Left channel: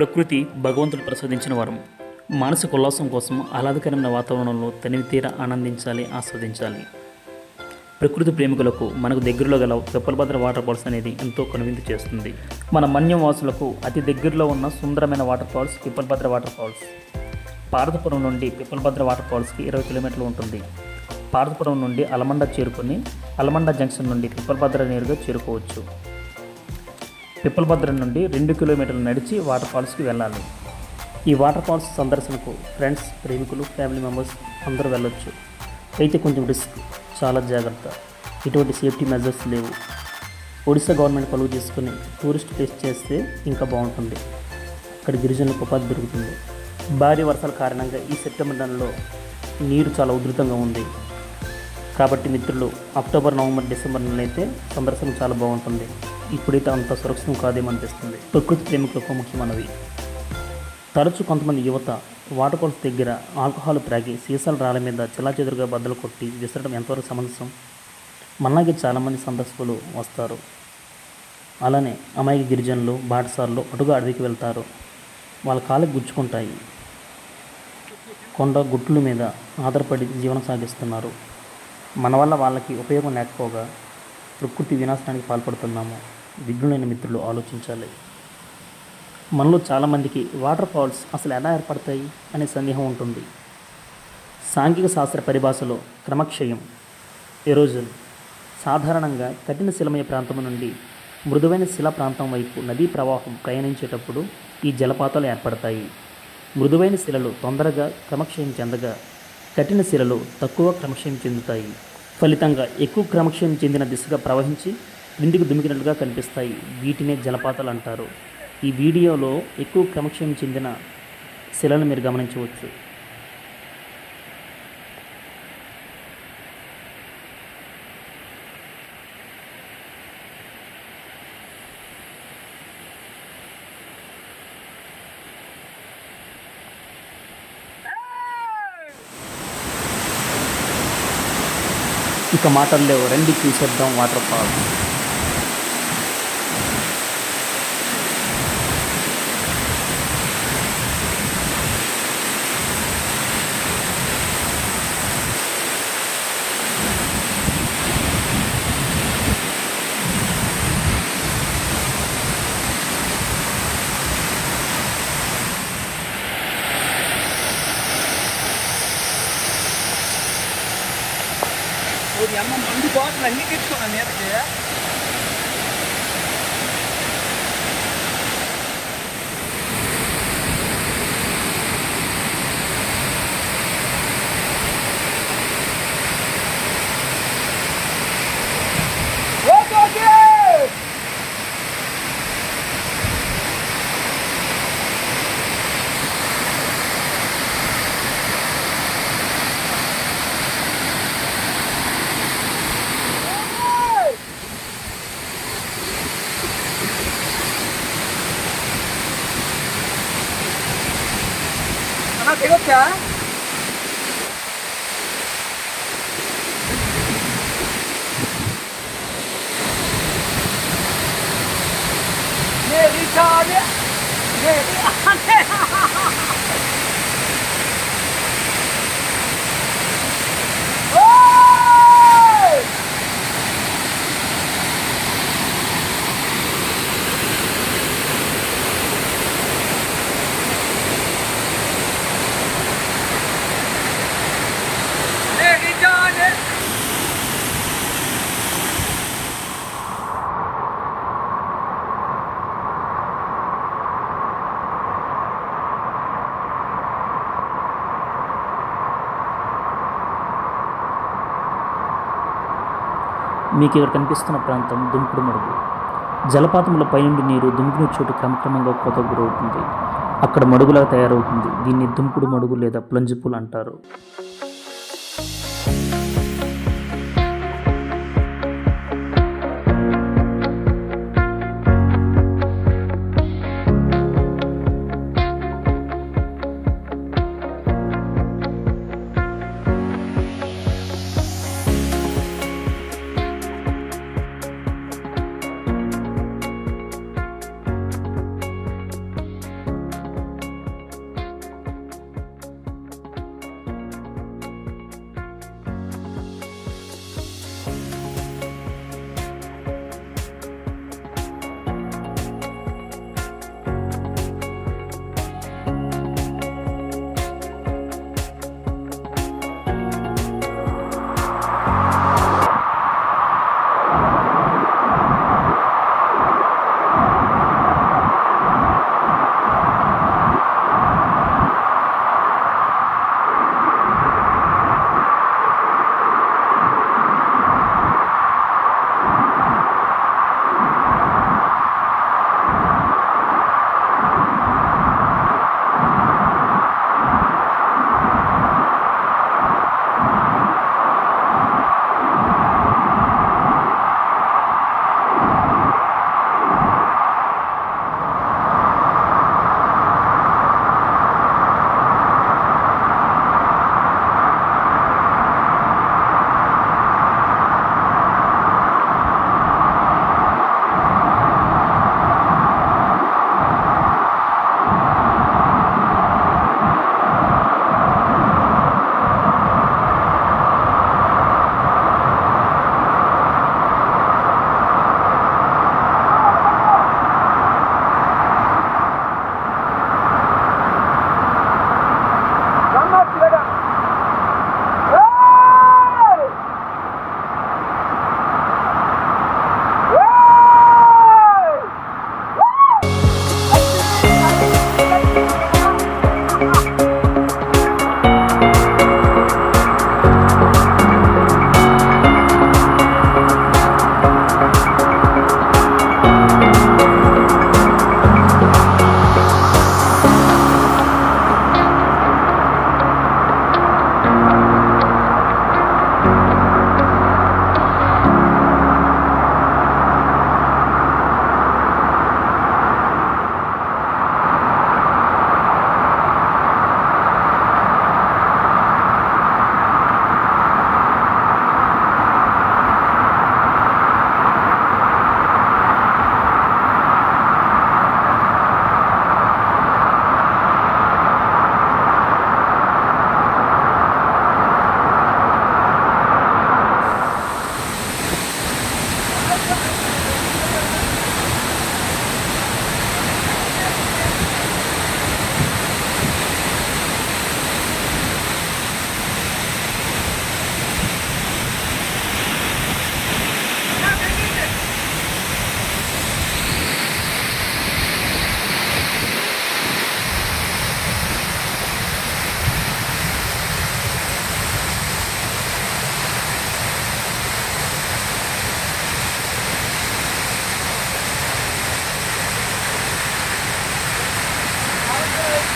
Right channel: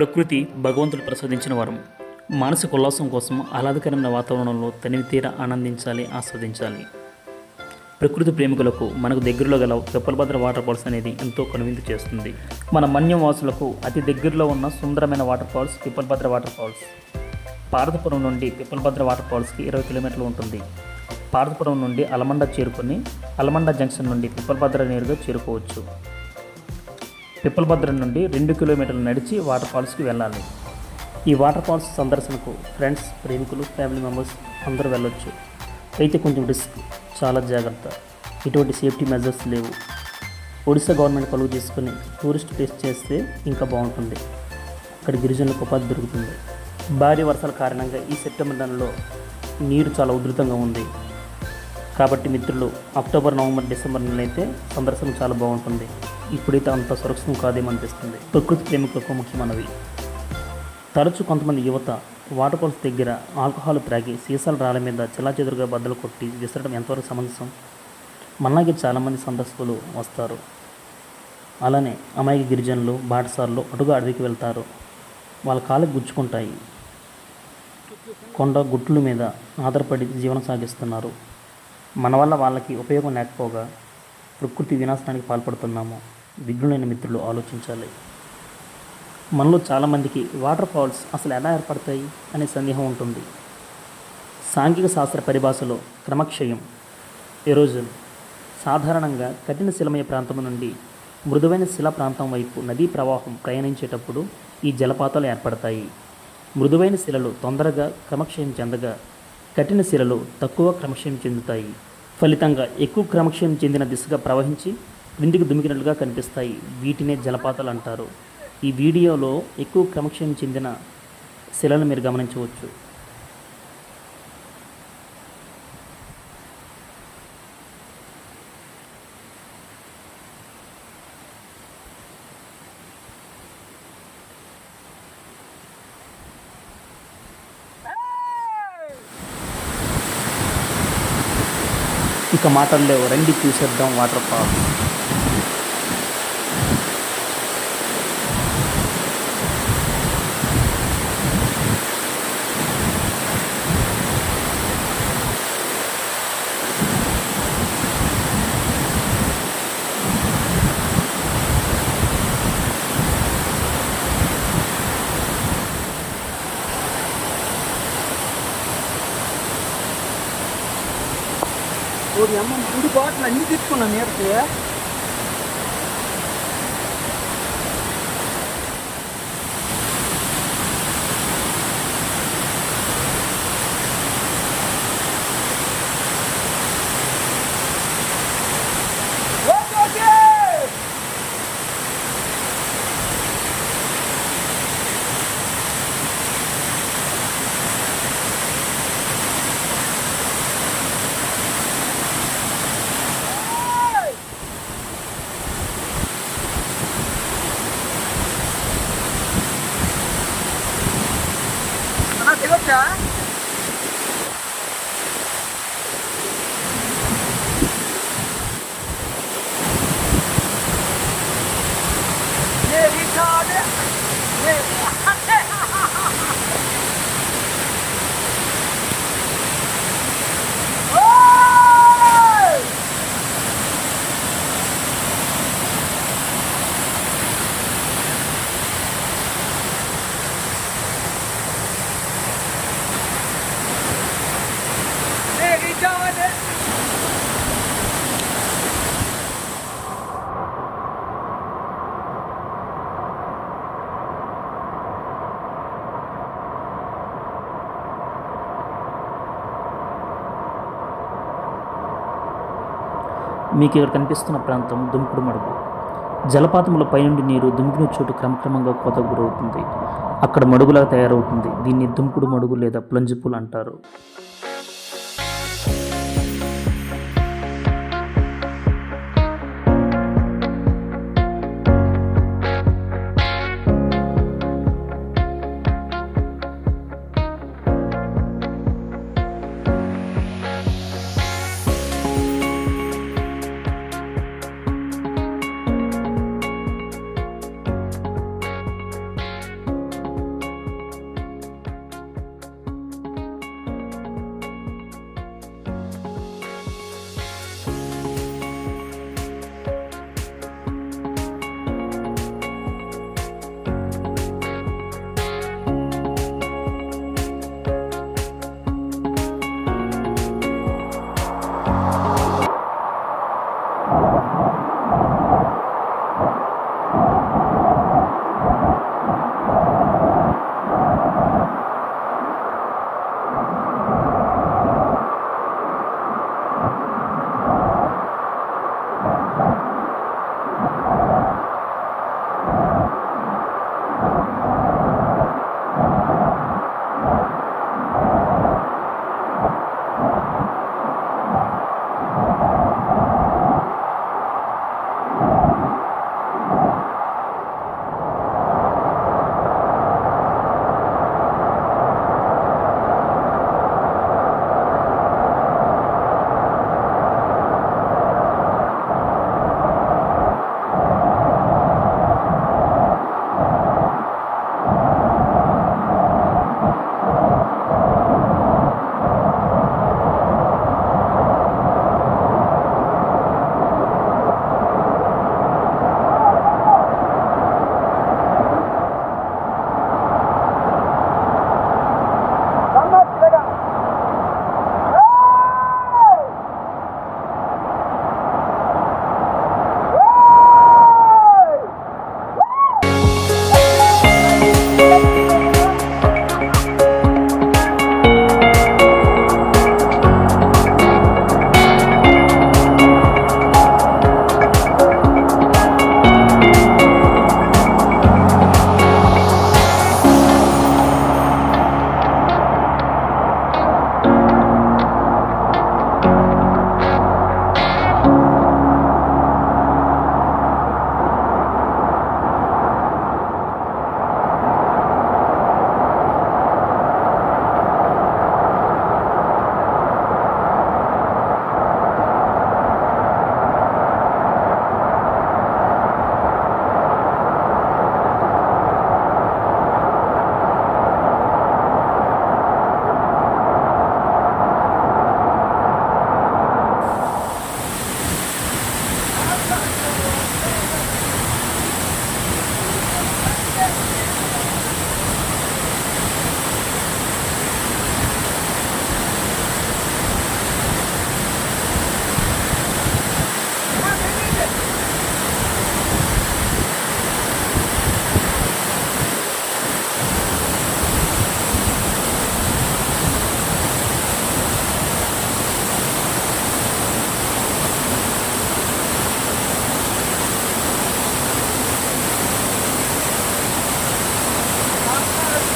ప్రకృతి భగవంతుడు ప్రసాదించిన వరం. మానసిక ఉల్లాసం కోసం ఆహ్లాదకరమైన వాతావరణంలో తనివితీర ఆనందించాలి, ఆస్వాదించాలి. ప్రకృతి ప్రేమికులకు మనకు దగ్గరలో గల పిప్పలభద్ర వాటర్ ఫాల్స్ అనేది ఎంతో కనువిందు చేస్తుంది. మన మన్యం వాసులకు అతి దగ్గరలో ఉన్న సుందరమైన water falls Pippalabhadra water falls. Parvathipuram నుండి పిప్పలభద్ర వాటర్ ఫాల్స్కి 20 కిలోమీటర్లు ఉంటుంది. పార్వతీపురం నుండి అలమండ చేరుకొని అలమండ జంక్షన్ నుండి పిప్పలభద్ర నేరుగా చేరుకోవచ్చు. పిప్పలభద్ర నుండి 2 కిలోమీటర్లు నడిచి వాటర్ ఫాల్స్కి వెళ్ళాలి. ఈ వాటర్ ఫాల్స్ సందర్శనకు ఫ్రెండ్స్, ప్రేమికులు, ఫ్యామిలీ మెంబర్స్ అందరూ వెళ్ళొచ్చు. అయితే కొంచెం రిస్క్, చాలా జాగ్రత్త. ఎటువంటి సేఫ్టీ మెజర్స్ లేవు. ఒడిశా గవర్నమెంట్ కలుగు చేసుకుని టూరిస్ట్ ప్లేస్ చేస్తే ఇంకా బాగుంటుంది. అక్కడ గిరిజనులకు ఉపాధి దొరుకుతుంది. భారీ వర్షాల కారణంగా ఈ సెప్టెంబర్ నెలలో నీరు చాలా ఉధృతంగా ఉంది. కాబట్టి మిత్రులు, అక్టోబర్, నవంబర్, డిసెంబర్ నెలలో అయితే సందర్శన చాలా బాగుంటుంది. ఇప్పుడైతే అంత సురక్షితం కాదేమనిపిస్తుంది. ప్రకృతి ప్రేమికులకు ముఖ్యమైనవి. తరచూ కొంతమంది యువత వాటర్ ఫాల్స్ దగ్గర ఆల్కహాల్ త్రాగి సీసాల రాళ్ళ మీద చెల్లాచెదురుగా బద్దలు కొట్టి విసరడం ఎంతవరకు సమంజసం? మనలాగే చాలామంది సందర్శకులు వస్తారు. అలానే అమాయక గిరిజనులు, బాటసారులు అటుగా అడవికి వెళ్తారు. వాళ్ళ కాళ్ళకి గుచ్చుకుంటాయి. కొండ గుట్టుల మీద ఆధారపడి జీవనం సాగిస్తున్నారు. మన వల్ల వాళ్ళకి ఉపయోగం లేకపోగా ప్రకృతి వినాశనానికి పాల్పడుతున్నాము. విఘ్నులైన మిత్రులు ఆలోచించాలి. మనలో చాలామందికి వాటర్ ఫాల్స్ అసలు ఎలా ఏర్పడతాయి అనే సందేహం ఉంటుంది. సాంఘిక శాస్త్ర పరిభాషలో క్రమక్షయం, ఎరోజన్, సాధారణంగా కఠిన శిలమయ ప్రాంతం నుండి మృదువైన శిలా ప్రాంతం వైపు నదీ ప్రవాహం ప్రయాణించేటప్పుడు ఈ జలపాతాలు ఏర్పడతాయి. మృదువైన శిలలు తొందరగా క్రమక్షయం చెందగా, కఠిన శిలలు తక్కువ క్రమక్షయం చెందుతాయి. ఫలితంగా ఎక్కువ క్రమక్షయం చెందిన దిశగా ప్రవహించి క్రిందికి దుమికినట్లుగా కనిపిస్తాయి. వీటినే జలపాతాలు అంటారు. ఈ వీడియోలో ఎక్కువ క్రమక్షయం చెందిన శిలను మీరు గమనించవచ్చు. ఇక మాటల్లో రండి చూసేద్దాం వాటర్ ఫాల్స్. ఓడి అమ్మ మందు బాటలు అన్ని తీసుకున్నాను నేర్పితే వచ్చా మీకు ఇక్కడ కనిపిస్తున్న ప్రాంతం దుమ్కుడు మడుగు. జలపాతముల పైనుండి నీరు దుమికిన చోటు క్రమక్రమంగా కోతకు గురవుతుంది. అక్కడ మడుగులా తయారవుతుంది. దీన్ని దుమ్కుడు మడుగు లేదా ప్లంజ్ పూల్ అంటారు.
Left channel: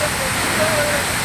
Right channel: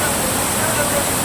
రా.